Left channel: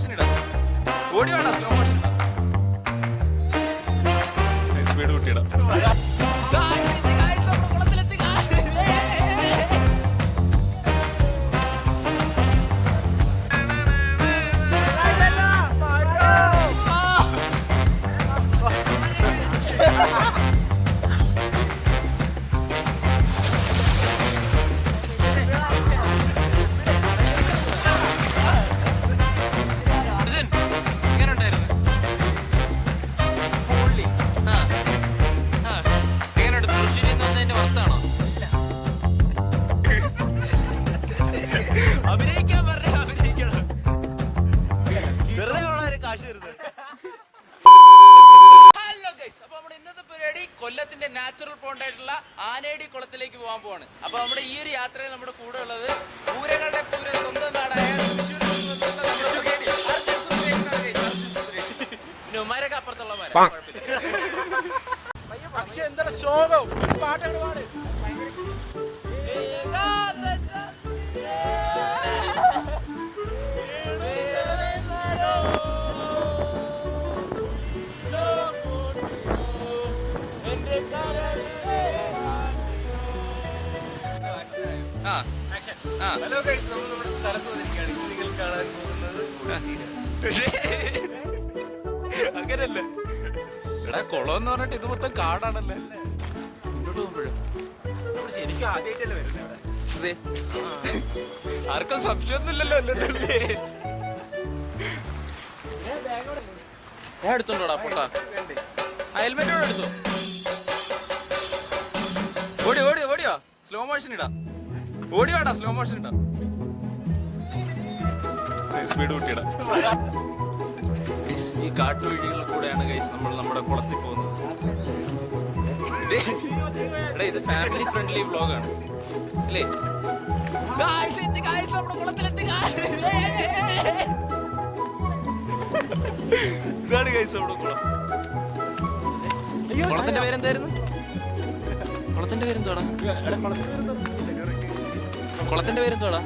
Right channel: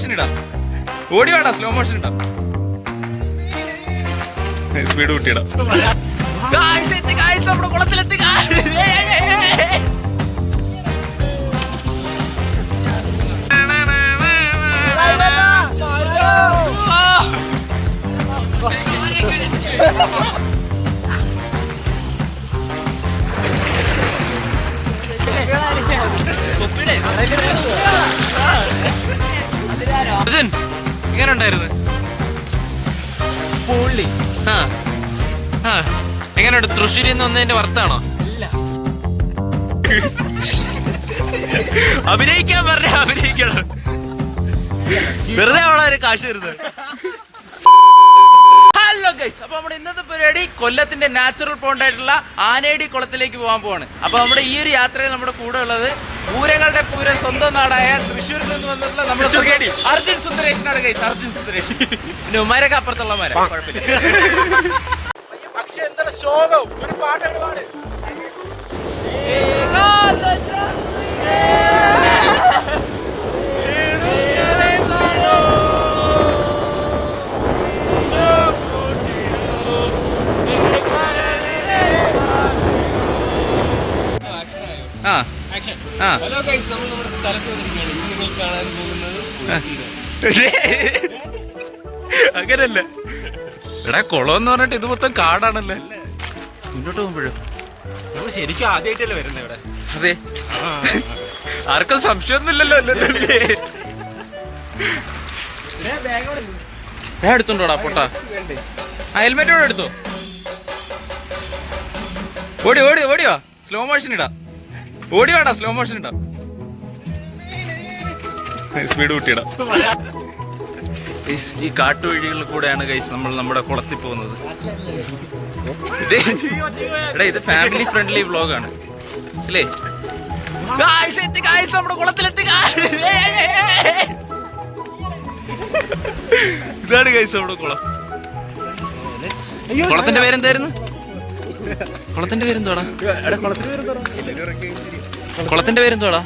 Motion ഇടാം. ഓടി വേണ്ട, സ്ലോ മോഷൻ ഇടാം. സ്പീഡ് കൂട്ടിയിടാം. നമ്മുടെ കുളത്തിലെത്തി. എങ്ങനെ ഉണ്ടായിരുന്നു? എങ്ങനെയുണ്ട്? തൃശ്ശൂരിൽ നിന്ന് വന്നതിന്റെ വർത്താണോ? അഭിനയിക്കാൻ പറഞ്ഞ അഭിനയിക്കണം, വെറുതെ അവളെ കാശ് തരുന്നത്. ഹലോ ഗൈസ്, അപ്പൊ നമ്മുടെ ഇന്നത്തെ പരിപാടി കൊല്ലത്തിന്റെ നാച്ചുറൽ പോണ്ട് ആയിട്ടുള്ള ആനേടി കുളത്തിലേക്ക് പോകാൻ പോവാണ്. അപ്പൊ നമ്മുടെ ഈ ഒരു യാത്രയിൽ നമ്മുടെ കൂടെ ഉള്ളത് പൂരങ്ങളുടെ പൂരം സ്വന്തം നാടായ തൃശ്ശൂരിൽ നിന്ന് വന്നിട്ടുള്ള നമ്മുടെ അർജുൻ സുന്ദരേഷനാണ് ഗൈസ്. അർജുൻ സുന്ദരേഷൻ. പിന്നെ ഉമ്മാരൊക്കെ അപ്പുറത്തുള്ളമാരാ, കുഴപ്പമില്ല. പക്ഷെ എന്താ ശോകം, ഒരു പാട്ടാണ് പാട്. അങ്ങനല്ല എടാ, കുളം എന്ന് പറഞ്ഞിട്ട് ഇത് മൊത്തം കാടാണല്ലേ. മുന്നോട്ട് പോകുമ്പോഴും ശരിക്കും ആദ്യമായിട്ടല്ലേ വരുന്നത് ഇവിടെ? അതെ, ആർക്കും സംശയമൊന്നും ഇല്ലല്ലോ. അല്ലേ എടുത്തോണ്ടോടാ പൊട്ടാ, ഹെൽമെറ്റ് കൂടെ എടുത്തോ. ഓടി ഓടി ഓടിയോ, സ്ലോ മോഷൻ ഇടാം. ഓടി വേണ്ട, സ്ലോ മോഷൻ ഇടാം. സ്പീഡ് കൂട്ടിയിടാം. ഈ കാട്ടുവഴികളിൽ കൂടെയാണ് ഗൈസ് നമ്മൾ നമ്മുടെ കുളത്തിൽ പോകുന്നത്. എടാ, ഇത് ഫാമിലി ഫ്രണ്ട്ലി വ്ളോഗാണ് അല്ലേ? നമ്മുടെ കുളത്തിലെത്തി. ഇതാണ് ഗൈസ് നമ്മുടെ കുളം. കുളത്തിന്റെ പേരെന്തായിരുന്നു? കുളത്തിന്റെ പേരെന്തോടാ? കുളത്തിന്റെ പേരെന്തോടാ?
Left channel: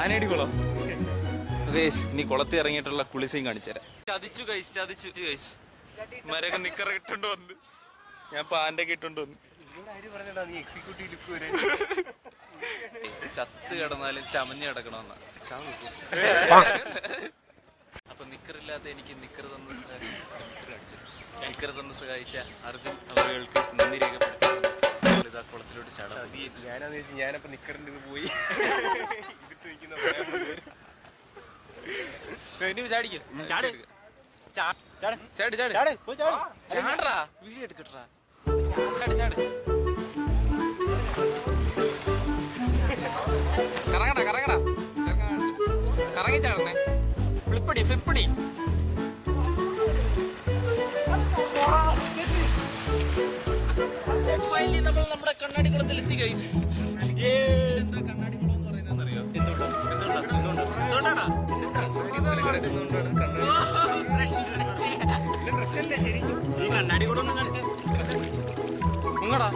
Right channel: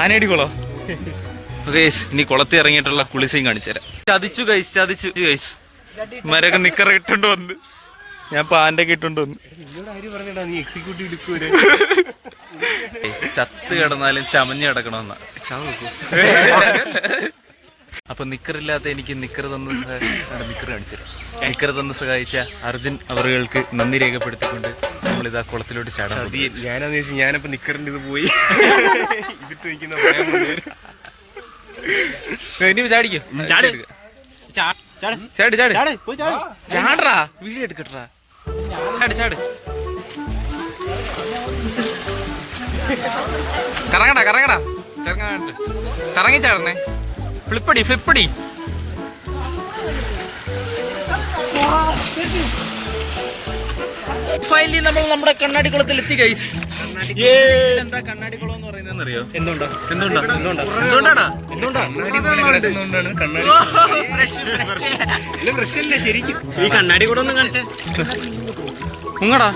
ആനേടി കുളം. ഗൈസ്, ഇനി കുളത്തിൽ ഇറങ്ങിയിട്ടുള്ള കുളിസയും കാണിച്ചു തരാം. ചതിച്ചു ഗൈസ്. മരൊക്കെ നിക്കറ ഇട്ടോണ്ട് വന്ന്, ഞാൻ പാൻ്റെ ഒക്കെ ഇട്ടോണ്ട് വന്ന്. ചത്ത് കിടന്നാലും ചമഞ്ഞ് കിടക്കണമെന്ന. അപ്പൊ നിക്കറില്ലാത്ത എനിക്ക് നിക്കർ തന്ന് നിക്കർ കാണിച്ചു തരാം. നിക്കർ തന്ന് സഹായിച്ച അർജുൻ അവറുകൾക്ക് നന്ദി രേഖപ്പെടുത്തിക്കൊണ്ട് നമ്മളിതാ കുളത്തിലോട്ട് ചാടാൻ. ഞാനപ്പോ നിക്കറിന്റെ ഇത് പോയി ഇതിട്ട് നിൽക്കുന്ന ചാടിക്കോ, ചാടറാ, വീഡിയോ എടുക്കട്ടാ. ചാട്. കറങ്ങടാ കറങ്ങി ചാടണേ. ഫ്ലിപ്പടി. ഫൈനലി നമ്മൾ നമ്മുടെ കണ്ണാടി കുളത്തിൽ എത്തി ഗൈസ്. എന്താ കണ്ണാടി കുളം എന്ന് പറയുന്നത് അറിയോ? എന്തുകൊണ്ടാണ് ഈ കണ്ണാടി കുളം ഒന്ന് കാണിച്ചേ. മുങ്ങടാ,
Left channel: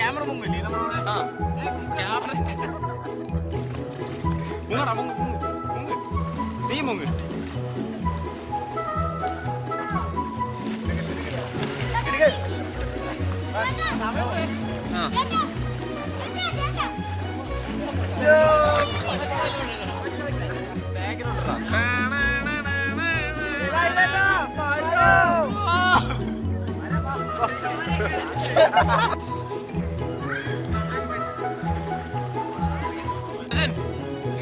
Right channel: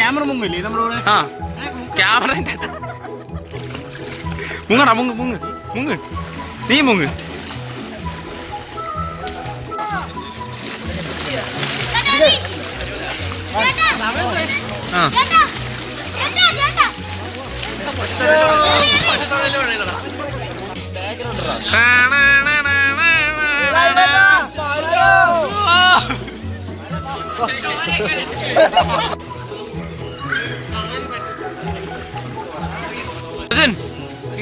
ക്യാമറ മുങ്ങില്ലേ നമ്മളോട്? ക്യാമറ മുങ്ങടാ, മുങ്ങ് നീ മുങ്ങ്.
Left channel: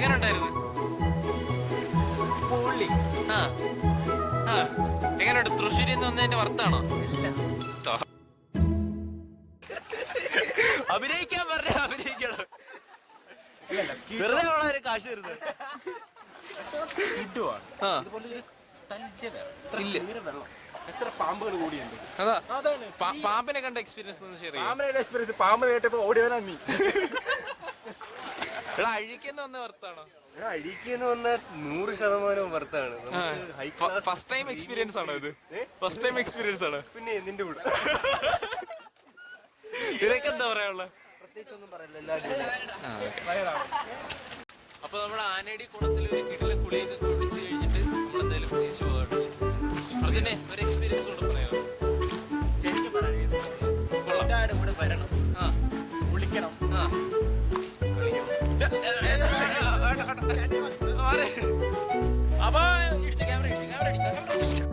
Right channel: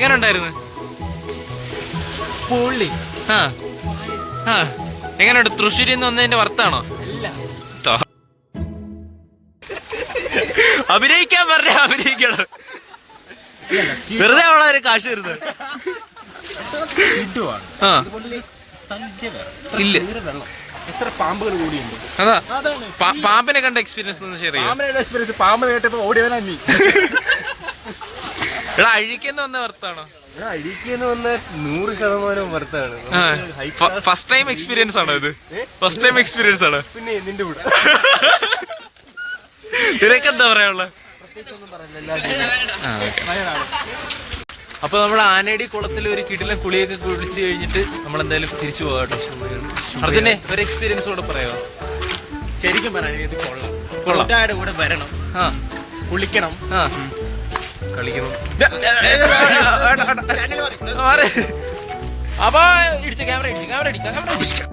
എങ്ങനെ ഉണ്ടായിരുന്നു? എങ്ങനെയുണ്ട്? തൃശ്ശൂരിൽ നിന്ന് വന്നതിന്റെ വർത്താണോ? അഭിനയിക്കാൻ പറഞ്ഞ അഭിനയിക്കണം, വെറുതെ അവളെ കാശ് തരുന്നത്. ഇല്ല, എത്ര പാമ്പുകൾ കൂടിയുണ്ട്. അതാ പാമ്പിനെ കണ്ട എക്സ്പീരിയൻസ് ഒന്ന് ഷെയർ ചെയ്യാം. പാമ്പിനെ കേട്ടപ്പോ ഓടിയവനാ നീ. എടാ, അഴിക്കുന്ന വന്ന വർത്താണ്. അഴിക്കുന്ന വന്ന 100% വർത്താണ്. ഫസ്റ്റ് ടൈം എക്സ്പീരിയൻസ് ആണോ ഇത്? ഫസ്റ്റ് ടൈം എക്സ്പീരിയൻസ് ആണ്. പിന്നെ നിന്റെ കൂടെ നിനക്ക് എന്താ പറയാനുള്ള? അപ്പൊ നമ്മുടെ ആനേടി കുളത്തിൽ ഒരു കിടിലൻ കുളിയൊക്കെ കുളിച്ച് കഴിഞ്ഞിട്ട് നമ്മൾ എന്തായാലും തിരിച്ചു പോകാം കേട്ടോ. അർജുനെ ഒരു എക്സ്പീരിയൻസ് കൂടെ പറയാമോ? ശരിക്കും പറയാൻ ഇത് കൊള്ളാം. കൂട്ടുകാരുടെ കൂടെ വരണം, ആ കുളിക്കണം, ആ കളിക്കണം. അപ്പൊ ഇടിച്ച ക്യാമറ ഇടിച്ചു.